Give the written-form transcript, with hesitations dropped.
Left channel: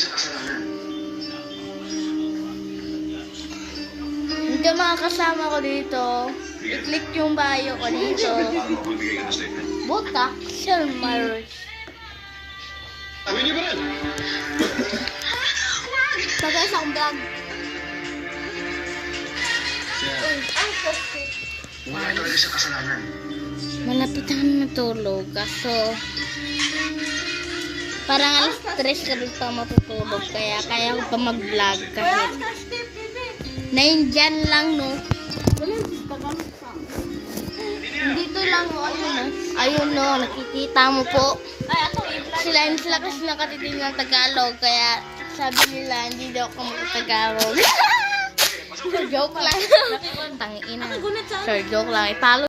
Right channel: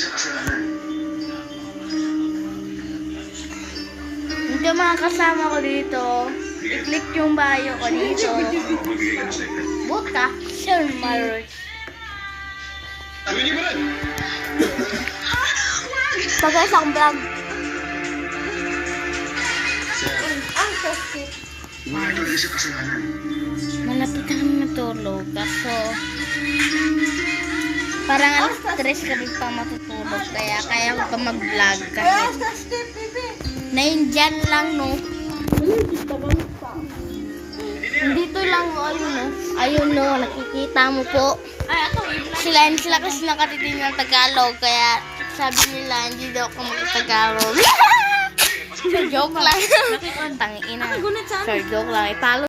sa kasalanan. Hindi mga kasama ko dito. I-click yung bio ko dito. Magbibigay ka na sa ito. Buta, Sir Marriage. Hindi ba rin? Pagka isang vlog. Sir, Ang sasip. wala talaga sa kasalanan. Malapit na kami matulog. Kaso, parang alas 3 ka rin pa matutulog. Kaya ko pa mag-vlog kahit. Naindyan lang, no? Dito lang, no? Ayun, no? Ayun, no? Nakikita mo po. Sila kasi nakatitin ng Tagalog. Kaya sabi nila, hindi daw ako mag-Tagalog. So, joke lang. Tangina. So, joke lang. Ipalo